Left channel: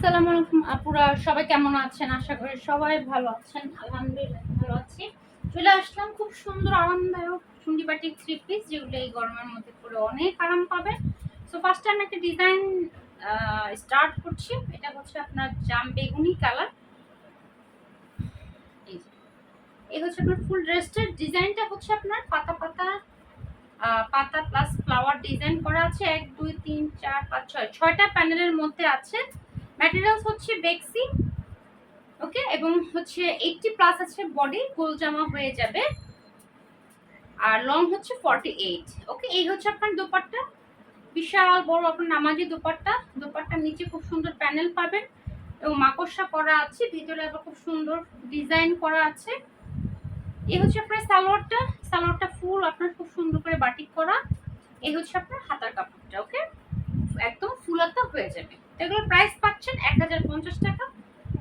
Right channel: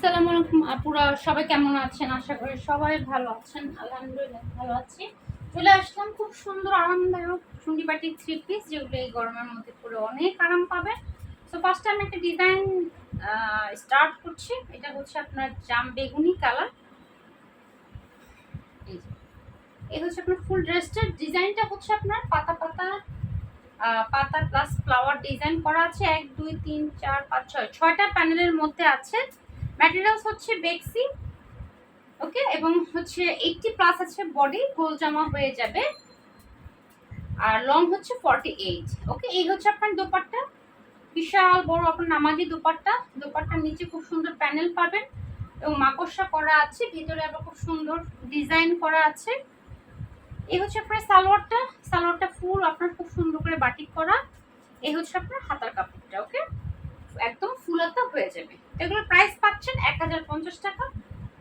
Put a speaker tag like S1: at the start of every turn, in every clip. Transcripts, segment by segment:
S1: আসসালামু আলাইকুম আপুরা, সবাই কেমন আছেন? আশা করি সবাই ভালো আছেন। আলহামদুলিল্লাহ ভালো আছি। চলে আসলাম খুব সুন্দর, আরামদায়ক চুন্ডি বাটিক থ্রি পিস যেগুলো এই গরমের মধ্যে পরে অনেক আরাম পাবে। সো ফার্স্ট আমি একটা ডিজাইন স্টার্ট করছি। এটা হচ্ছে আপনার জাম বেগুনি কালার। এই হচ্ছে আপনার ফুল ড্রেসটার ডিজাইনটা হচ্ছে আপনার পাতা পাতা পাতা প্লাস ফ্লাওয়ার ডিজাইন করা আছে। এক, দুই, তিন, চার, পাঁচ, ছয়। ছয়টা প্যানেলের মধ্যে আছে। ম্যাটেরিয়ালস হচ্ছে বেক্সি ওকে এবং হচ্ছে এইটটি প্লাস আছে বডি গোল জামা হয়ে যাবে। আর লং হচ্ছে ফর্টি ওকে এই হচ্ছে আপনার দোপাট্টা। বিশাল বড় আপনার নামাজি দোপাট্টা। দোপাট্টার নিচে খুব সুন্দর প্যানেল পাবেন। এবং মাকড়সা করা আছে, ভিতরে আবার খুব সুন্দর ডিজাইন করা আছে। এই হচ্ছে আপনার সালোয়ারটা। সালোয়ারটা ফুল আপনার খুব সুন্দর করে বাটিক করা। এই হচ্ছে আপনার হাতার কাপড়টা ওকে একদম ফুলাতে হয়ে যাবে। এগুলোর প্রাইস পাচ্ছেন এক হাজার পঞ্চাশ টাকা।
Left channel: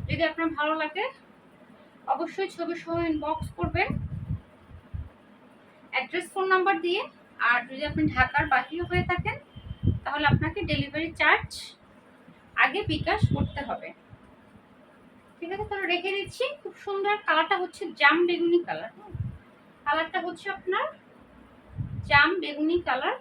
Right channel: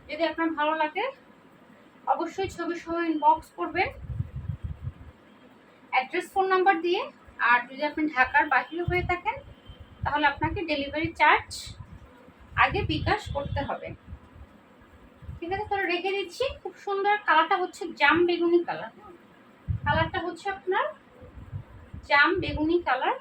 S1: যদি আপনার ভালো লাগে, অবশ্যই ছবি সহ ইনবক্স করবেন। অ্যাড্রেস ফোন নাম্বার দিয়ে। আর যদি আপনি ঢাকার বাহিরে হয়ে থাকেন, তাহলে আপনাকে ডেলিভারি চার্জ আগে বিকাশ করতে হবে। ঠিক আছে, তাহলে রেখে দিচ্ছি। খুব সুন্দর কালারটা হচ্ছে জাম বেগুনি কালার। কালারটা হচ্ছে আপনার জাম বেগুনি কালার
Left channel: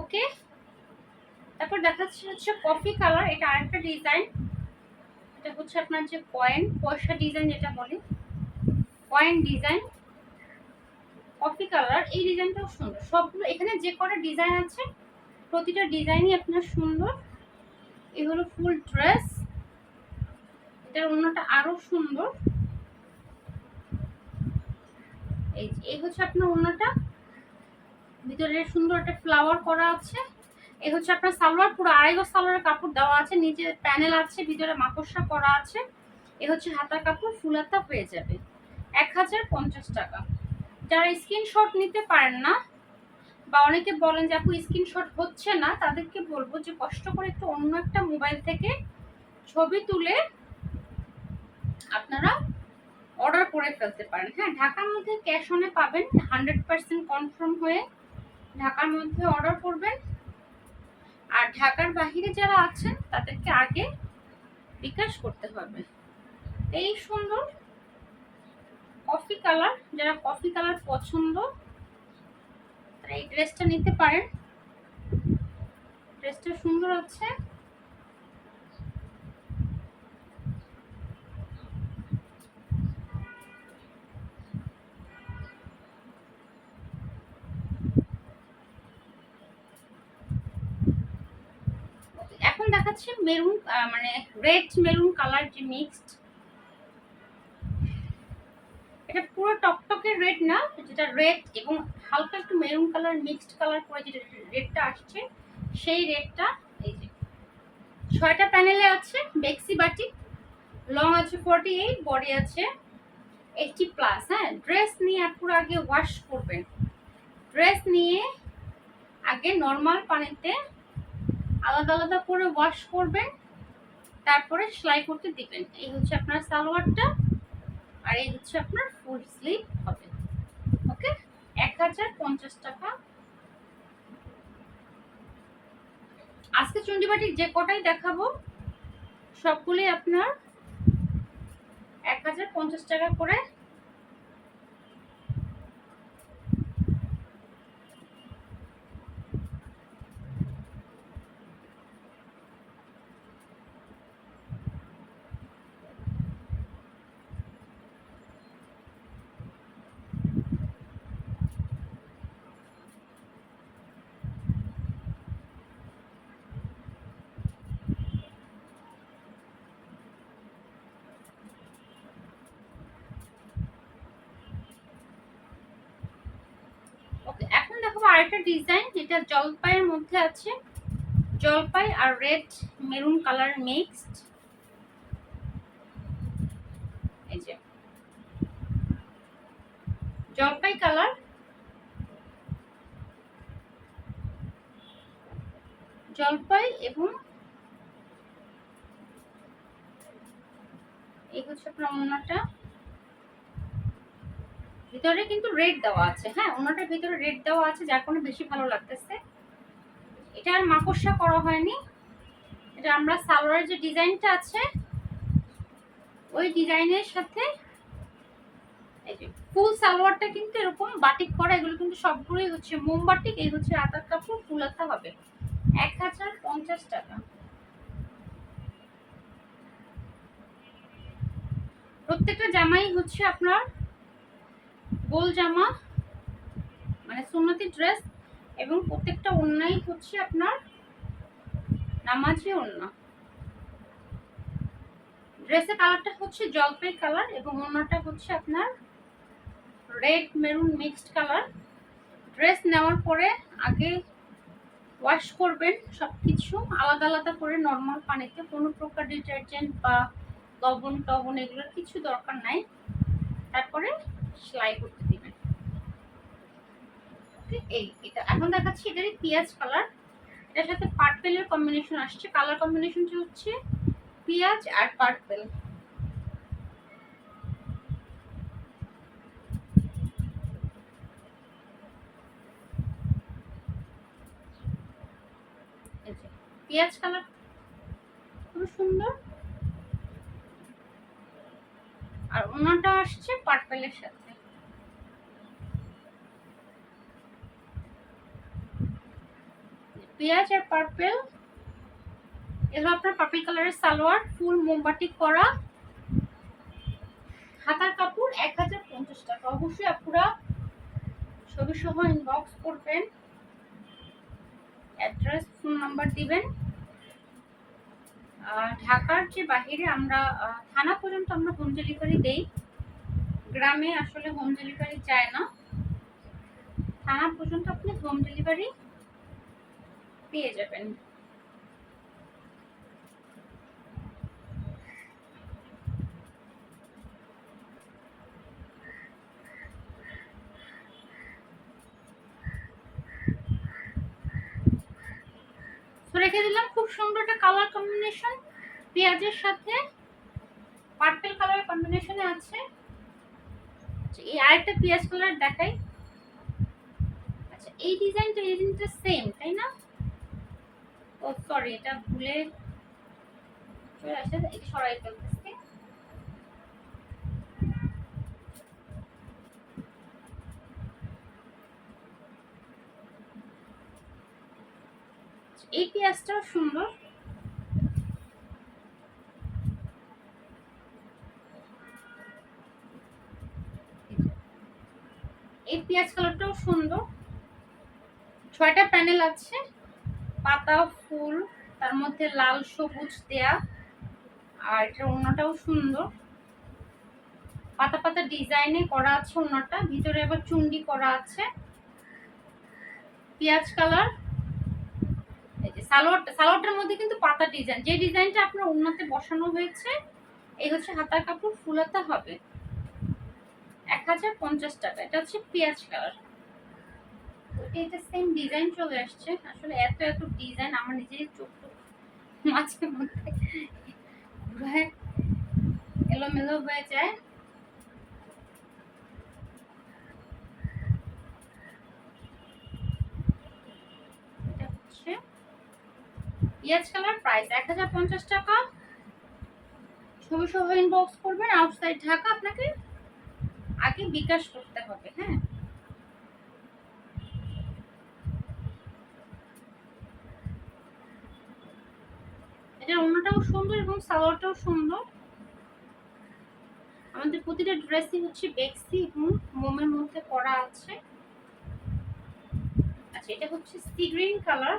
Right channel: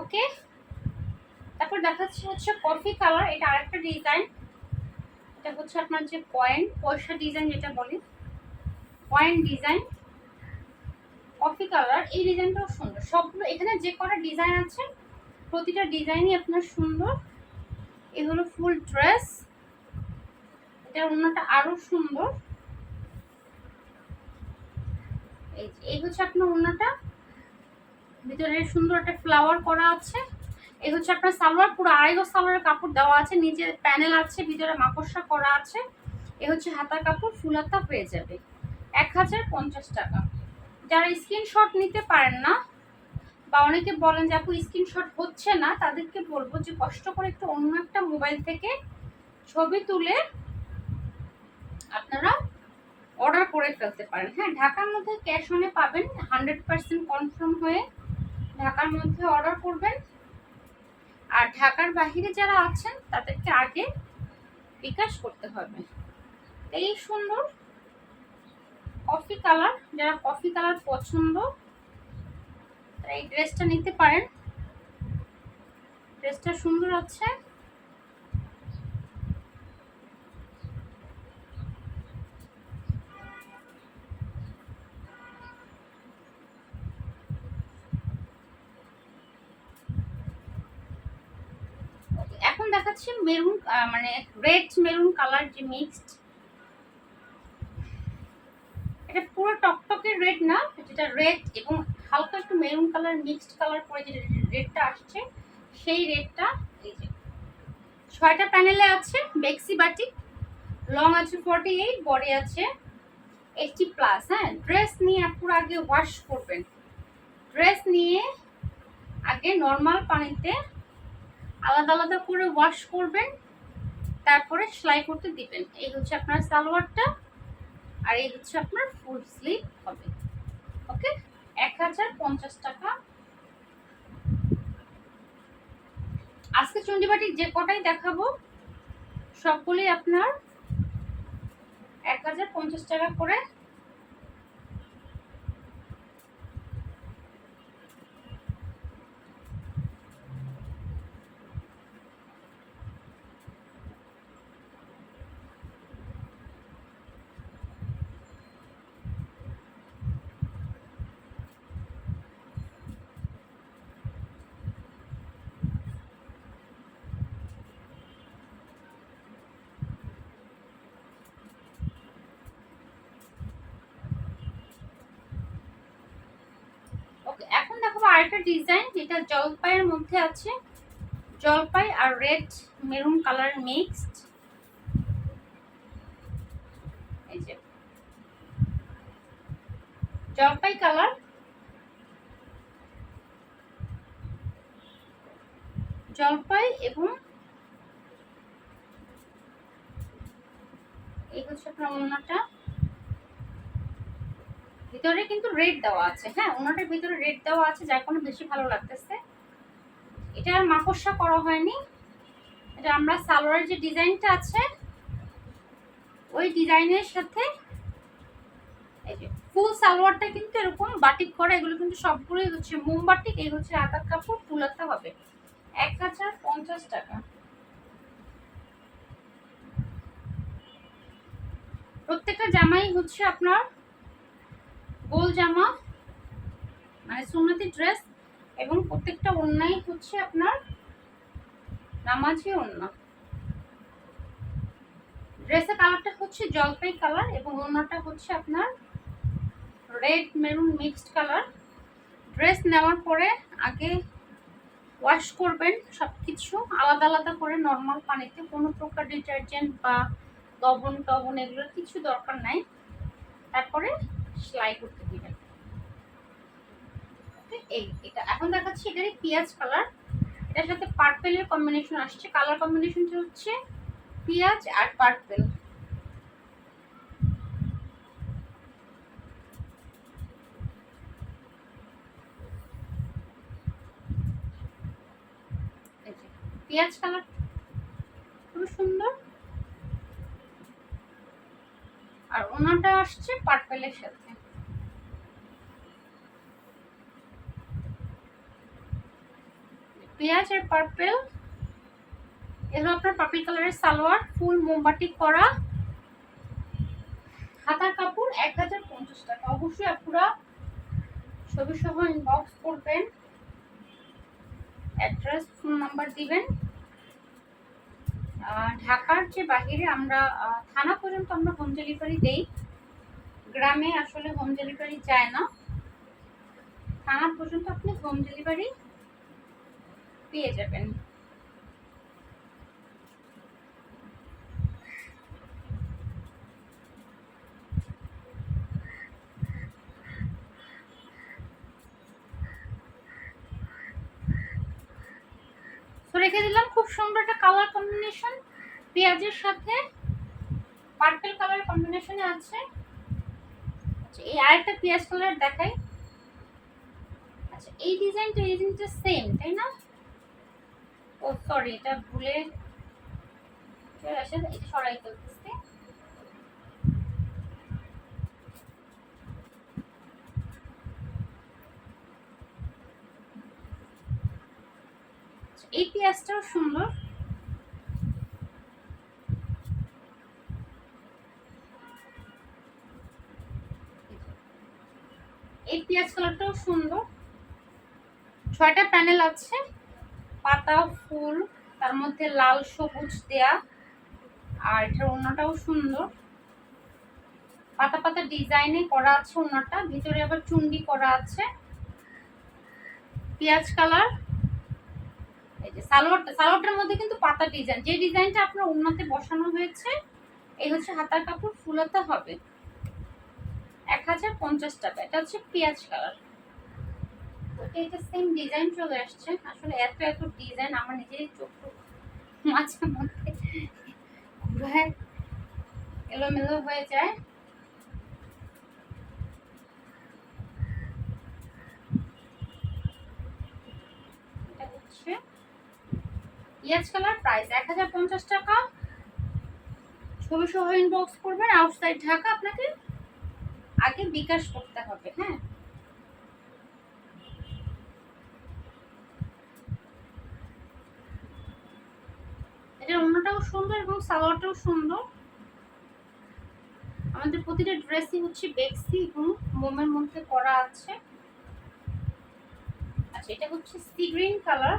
S1: ওকে তারপর দেখাচ্ছে হচ্ছে কফি কালার এটা আরেকটা ডিজাইন এটা হচ্ছে আপনার যে কয়েন পয়সা ডিজাইন যেটা বলি। কয়েন ডিজাইন কফি কালার এই ডিজাইনটাও সুন্দর। সবগুলো, এখানে যে কটা ডিজাইন আছে, প্রতিটা ডিজাইনই আপনার সুন্দর। এই হলো ফুল ড্রেস এটার অন্যটা আরও সুন্দর। এই হচ্ছে আপনার অন্যটা। ভিতরে সুন্দর একটা ফ্লাওয়ার করা আছে। এই হচ্ছে আপনার সালোয়ার, পুরো আড়াই সালোয়ারের কাপড় দেওয়া আছে, নিচে প্যানেল আছে, ভিতরে মাকড়সা করা আছে। এ হচ্ছে হাতার কাপড়, ফুল হাতা পেয়ে যাবে। এক হাজার পঞ্চাশ টাকা। যারা স্ক্রিনশট নিতে পারেন না, বা অনেকে বলেন যে, আপু স্ক্রিনশট হচ্ছে না। তাদেরকে বলব যে, কষ্ট করে একটু অন্য একটা মোবাইল থেকে ছবি তুলে আপনারা অর্ডার করে ফেলতে পারেন। হ্যাঁ ঢাকার মধ্যে ক্যাশ অনে পাবেন হান্ড্রেড পার্সেন্ট কনফার্ম হয়ে ঢাকার মধ্যে অর্ডার করবেন। আর ঢাকার বাহিরে যারা আছেন, তাদেরকে আগে বিকাশ করতে হবে। এই সুন্দর কফি কালার যারা কফি কালার পছন্দ, তারা এই ড্রেসটা নিতে পারেন। ড্রেসটা সুন্দর আছে Okay, এখন দেখাচ্ছি মেরুন মানে রেড মেরুন কালার যে মিক্সড এটা পুরো টকটকে রেড না, যেটা রেড এবং হালকা একটু মেরুন কালার মিক্সড কালার করে যে রেডটা আসছে, সেই রেডটা এই যে। ছয়টা প্যানেলে আছে বেক্সি বাটিক লং আছে ফর্টি এইট বডি আছে এইটটি প্লাস হ্যাঁ ড্রেস নিয়ে পুরো আগে ওয়াশ করবেন। ড্রেস নিয়ে আগে নর্মাল পানিতে আলাদা আলাদা করে ওয়াশ করবেন, তারপরে সেলাই করতে দিবেন। এই হচ্ছে আপনার সালোয়ারটা, আর এই হচ্ছে আপনার ফুল স্লিভ হবে। ওকে? এক হাজার পঞ্চাশ টাকা। আজকে চন্ডিবাটির যে কটাই দেখাবো সবগুলি আপনার এক হাজার পঞ্চাশ টাকা করে দেখাবো আরেকটা ডিজাইন যেটা জলপাইয়ের মধ্যে আছে। জলপাই আর রেড মেরুন কালার মিক্সড এই যে। জলপাই কালার জলপাই এবং এই হচ্ছে আপনার অন্যটা ভিতরে কিন্তু রেড দেওয়া আছে। হ্যাঁ অন্যটার ভিতরে রেড দেওয়া আছে, যার কোনো বেশি ভালো লাগতেছে। এটা আর মাকড়সা করা হয়নি। এটা আমরা সালোয়ারের যে ডিজাইনটা আছে, ওই ডিজাইনের সাথে এই যে ফুল সালোয়ারটা কিন্তু এরকম বাটিক করা, এগুলো কিন্তু সবগুলোই হচ্ছে মোমবাটিক, এই হচ্ছে আতার কাপড় ফুলাতে হবে। এক হাজার পঞ্চাশ টাকা। প্রত্যেকটা জামাই হচ্ছে আপনার গোল জামা মানে সুন্নতি ড্রেস এবং প্রত্যেকটা অন্যায় হচ্ছে আপনার নামাজি ওন্না ড্রেসের কালারটা হচ্ছে জলপাই কালার এবং অন্যটা হচ্ছে আপনার red maroon mixed colour dress নেওয়ার পরে আগে ওয়াশ করবেন সব কিছু আলাদা আলাদা করে নর্মাল পানিতে, কোনো প্রকার ডিটারজেন্ট বা লবণ টবণ এগুলোর কিছু দরকার নাই। তারপরে সেলাই করতে দিবেন। এই, এটা এখন দেখাচ্ছি এটারই পেঁয়াজ কালার। এটার সাথে পার্পেলের কম্বিনেশন আসছে। কালার কম্বিনেশনটা হচ্ছে পেঁয়াজ আর পার্পেল। পেঁয়াজ কালার খুব সুন্দর। আর ওনাটা আসছে পার্পেলের সাথে। পেঁয়াজ আর পার্পেল। এগুলো আপনার পার্পেল কালারের সালোয়ার, ফুল মোমবাতি করা। হাতার কাপড় এক হাজার পঞ্চাশ টাকা। অবশ্যই আপনারা ছবি সহ ইনবক্স করবেন। অ্যাড্রেস ফোন নাম্বার দিবেন। ঢাকার যে বাহিরে আমরা থানা পর্যন্ত আমরা হোম ডেলিভারি দেই। গ্রামে আসলে হোম ডেলিভারি যায় না। থানা পর্যন্ত আপনি হোম ডেলিভারি পেয়ে যাবেন। রেখে দিলাম খুব সুন্দর একটা কালার কম্বিনেশন পেঁয়াজের সাথে পার্পেল কালার কম্বিনেশনে আছে। আচ্ছা এই আরেকটা পেঁয়াজ কালার দেখাই। আচ্ছা এই ডিজাইনটা এই ডিজাইনটা সেম তাই না? ও সরি এটা ভুলে চলে আসে সরাই ফেলতেছি। এই পেঁয়াজটাও সুন্দর। এই পেঁয়াজ কালারটাও সুন্দর। ছয়টা প্যানেল আছে। পাতা ফুল, তার মধ্যে লাল সবুজ দেয়া, আর এটার অন্যটাও সুন্দর। পাতা পাতা ডিজাইনে করা আছে অন্যটা ভিতরে আবার চুন্ডি করা আছে। পেঁয়াজ কালার এই যে সালোয়ারটা, সালোয়ারটার মধ্যে কিন্তু পাতা ডিজাইন যে ডিজাইনটা আপনার উন্নতে বসানো হয়েছে, এই হচ্ছে হাতার কাপড়, ফুলাতে হবে। এক হাজার পঞ্চাশ টাকা, এটা হচ্ছে পেঁয়াজ কালার সেম ডিজাইন চলে আসছে, আসলে এত এত ডিজাইন আমার চোখ এলোমেলো হয়ে যায়। পেঁয়াজ কালার প্রাইস এক হাজার পঞ্চাশ টাকা। ছবি সহ ইনবক্স করবেন আউটসাইড ঢাকা, আপনাকে আগে বিকাশ করতে হবে হ্যাঁ এটার অন্যটাও সুন্দর এবং সালোয়ারটাও সুন্দর। আমাদের প্রতিটা ড্রেসই হচ্ছে বেক্সি এবং মোমের মধ্যে করা আছে। আচ্ছা এটা হচ্ছে সি গ্রিন কালার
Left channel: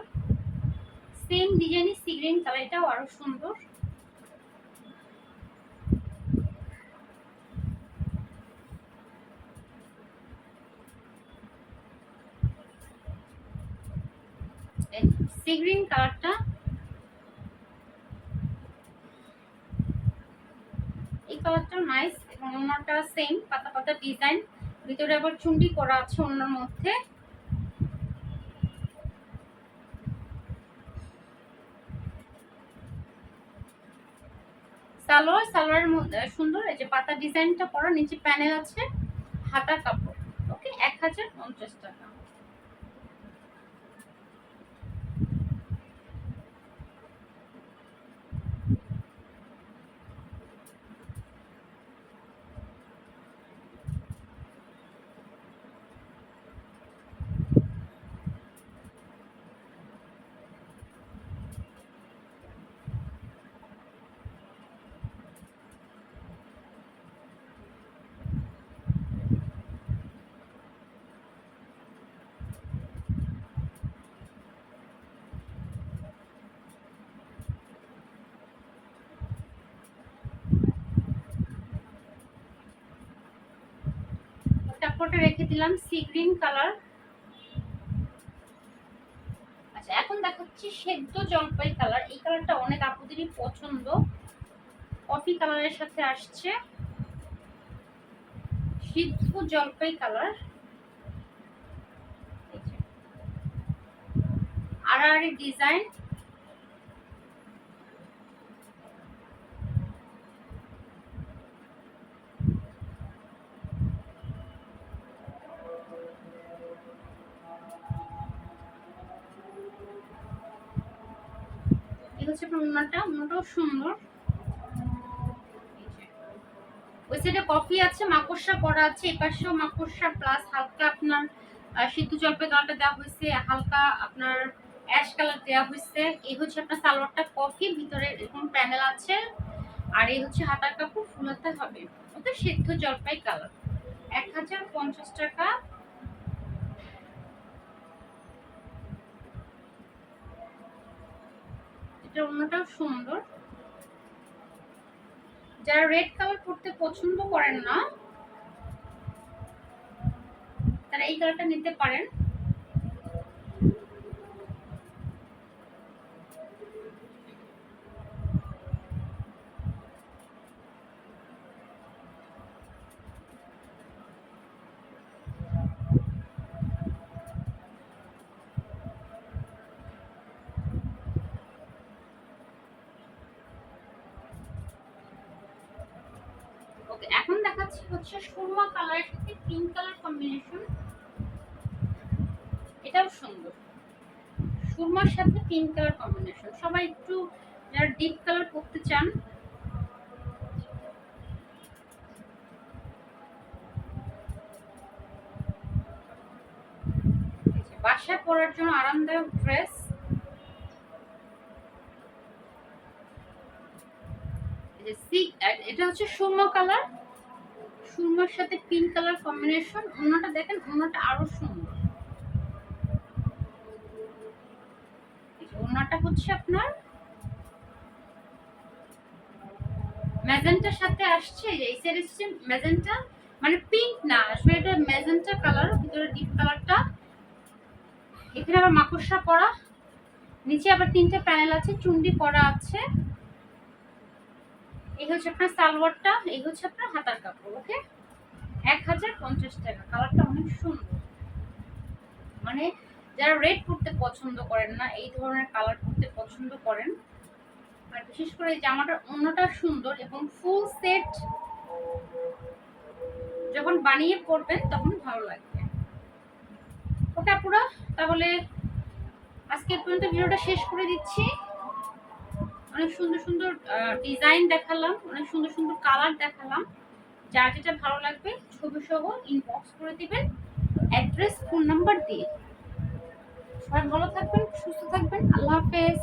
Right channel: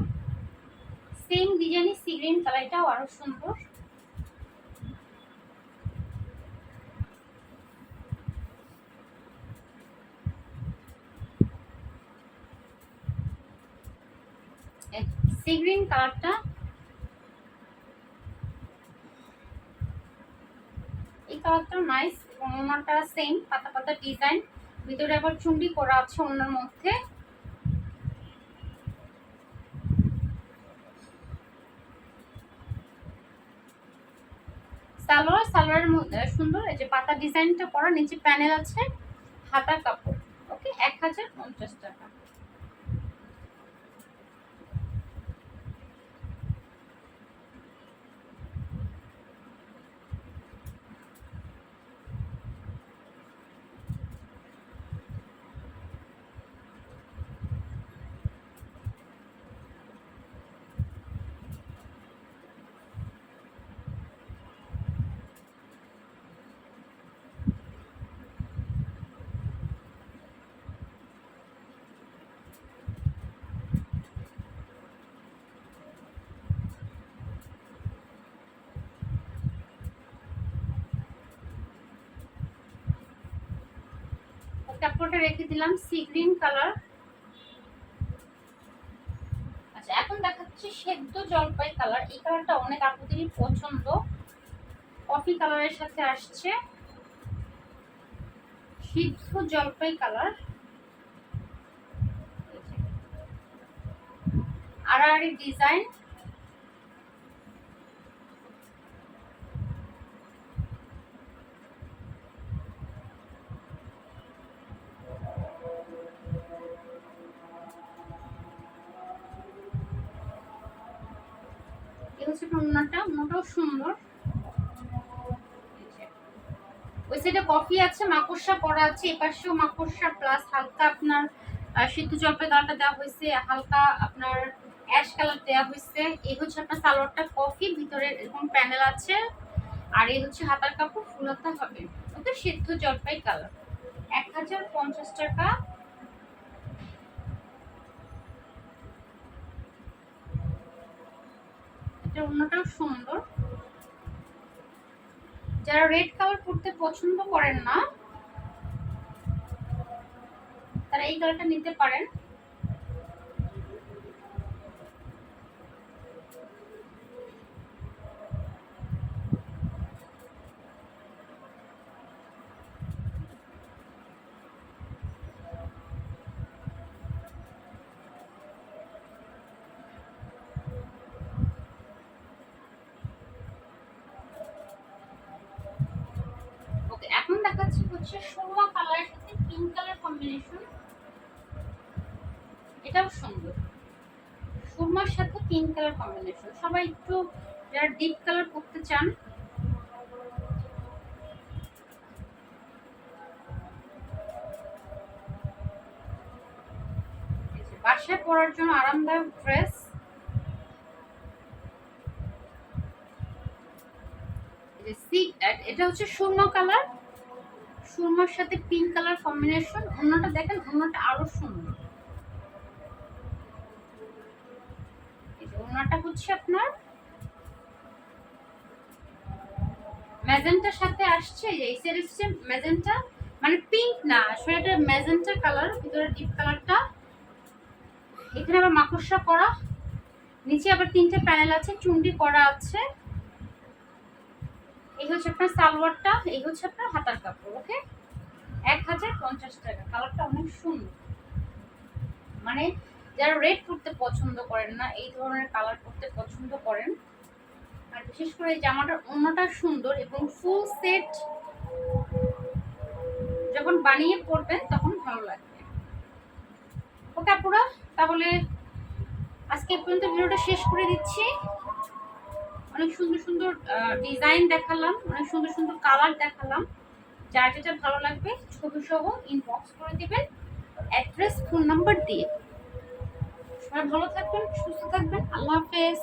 S1: সেম ডিজাইনই সি গ্রিন কালার এটাও আরও সুন্দর। সি গ্রিন কালারটা কালারটা নাইস ওনাটা সেম পাতা পাতা ডিজাইন ভিতরে আবার চুন্ডি করা আছে ওনার মধ্যে। সালোয়ার, সালোয়ারের মধ্যে সুন্দর, এই যে পাতা ডিজাইনটা করা, নিচে প্যানেল আছে, হাতা কাপড়। ওকে এক হাজার পঞ্চাশ টাকা। কাপড়টা রেখে দিলাম সি গ্রিন কালার আচ্ছা এখন দেখাচ্ছি সেদ্ধ জলপাই কালার এই কালারটা অনেক আপুদেরই পছন্দ। কফি কালারের সাথে আসছে। সিদ্ধ জলপাই কালার আড়াআড়ি ডিজাইন হচ্ছে আপনার সুন্দর। ওই সাইডে কফি আছে, মাকড়সা করা আছে, এপাশেও মাকড়সা প্লাস হালকা আপনার সিদ্ধ জলপাই কালারটা দেওয়া হয়েছে, হালকা আপনার অ্যাশ কালার দেওয়া হয়েছে। এই হচ্ছে আপনার সালোয়ারটা কফি ভিতরে এরকম প্যানেল আছে। আর এই হচ্ছে হাতার কাপড় ফুল হাতা হবে। ওকে, সিদ্ধ জলপাই কালার এক হাজার পঞ্চাশ টাকা এটা অন্যটাও সুন্দর। যারা রেড কালার পরতে পছন্দ করেন না, তারা এই কালারটা নিতে পারেন ওকে এখন দেখাচ্ছি হচ্ছে সুরমা কালারের সাথে পিঙ্ক কালার কম্বিনেশন এটাও সুন্দর। সুরমার সাথে পিঙ্ক কালার কম্বিনেশন সবাই একটু যারা ডিপ কালার করতে চান বাসায় পরার জন্য আরামদায়ক ড্রেস এটা হচ্ছে সুরমা কালার। সুরমার সাথে পিঙ্ক কালার কম্বিনেশন অন্যটা দেখেন, অন্যটা আরও সুন্দর। অন্যটা হচ্ছে আপনার ম্যাজেন্টার সাথে আসছে, এই সাইড হচ্ছে ম্যাজেন্টা মানে পিঙ্ক না, আসলে এটা ম্যাজেন্টা কালার ভিতরে ডিপ কালারটা এখানে আবার মাকড়সা করা নিচে আবার তিনটে প্যানেল আছে, চুন্ডি করা আছে। এই হচ্ছে আপনার সালোয়ারটা, এই হচ্ছে আপনার হাতার কাপড় ওকে এক হাজার পঞ্চাশ টাকা, কালারটা অনেক সুন্দর। মানে যারা রেড পরতে পছন্দ করেন না, এই ধরনের কালার পরতে পছন্দ করেন, আর বিশেষ করে এই জামাটার অন্যটা সুন্দর এবং ফুল সেট যখন বানিয়ে পরবেন তখন ভালো লাগবে। ওকে আপুরা? তাহলে আজকে পর্যন্ত ভিডিওটা শেষ করে দিচ্ছি। অনেক সুন্দর সুন্দর ডিজাইন দেখালাম, অনেক সুন্দর সুন্দর কালার দেখালাম। যার যেটা ভালো লাগবে ছবি সহ ইনবক্স করে দেবেন অ্যাড্রেস ফোন নাম্বার দিয়ে। সবাই ভালো থাকবেন, সুস্থ থাকবেন, আল্লাহ হাফেজ।